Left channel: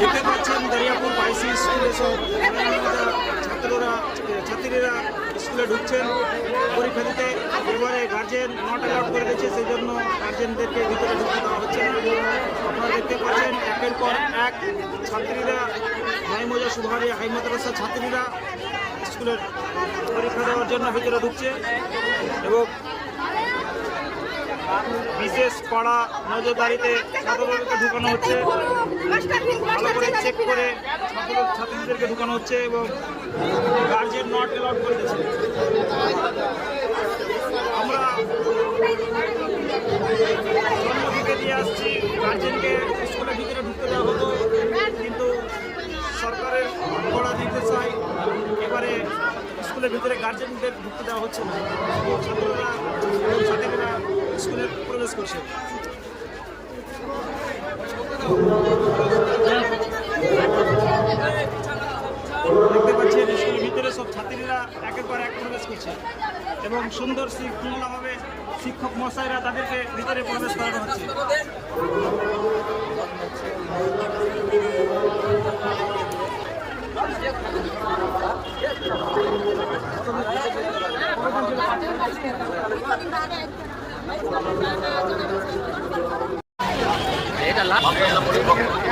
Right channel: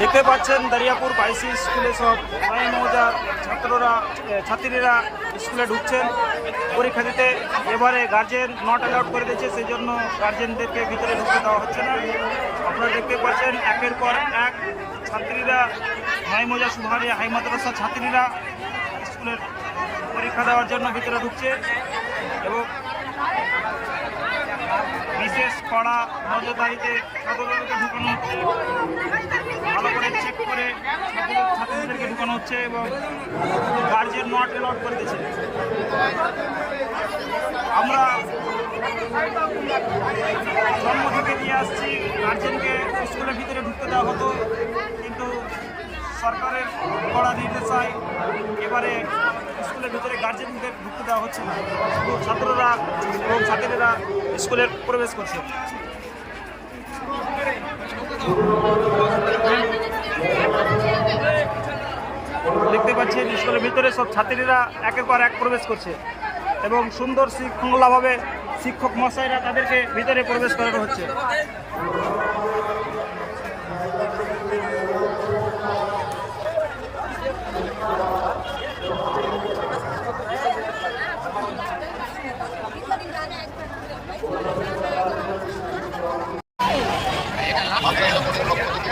দেখতে পাচ্ছেন দরিয়াপুর বাইসি স্কুলে সব নয় মৌজার ছাত্রীরা স্কুলে ঢুকছেন পরীক্ষা দিতে। এবারে গার্জেন নট অ্যালাউড করে দিয়েছে, সেই জন্য গার্জেনদেরকে ভিতরে ঢুকতে দেওয়া হচ্ছে না। আপনারা দেখতে পাচ্ছেন একের পর এক ছাত্রীরা নয় মৌজা সুবহানিয়া হাই মাদ্রাসা ছাত্রীরা স্কুলের পরীক্ষা দেওয়ার জন্য ভিতরে ঢুকছে এবং বিশেষ কড়া নজরদারিতে ছাত্রদেরকে ঢুকানো হচ্ছে। ভালো করে চেক করে ছাত্রীদেরকে ঢুকানো হচ্ছে এবং গার্জেন নট অ্যালাউড করে দিয়েছে। আমরা জন্ম থেকে দিয়ে আসছি গার্জেনকে স্কুলের ভিতরে ঢুকতে দেওয়া হতো, কিন্তু সরকারের কড়া নির্দেশায় এবারে স্কুলের ভিতরে গার্জেনদের ঢুকতে দেওয়া হচ্ছে না, শুধু ছাত্ররা এবং ছাত্রীরা স্কুলে প্রবেশ করছে। দেখতে পাচ্ছেন স্কুলের ভিতরে সব ছাত্রীরা একের পর এক প্রবেশ করছে এবং সুন্দর শৃঙ্খলাভাবে শিক্ষক মশাইরা তাদেরকে ভিতরে প্রবেশ করানো হচ্ছে। এটা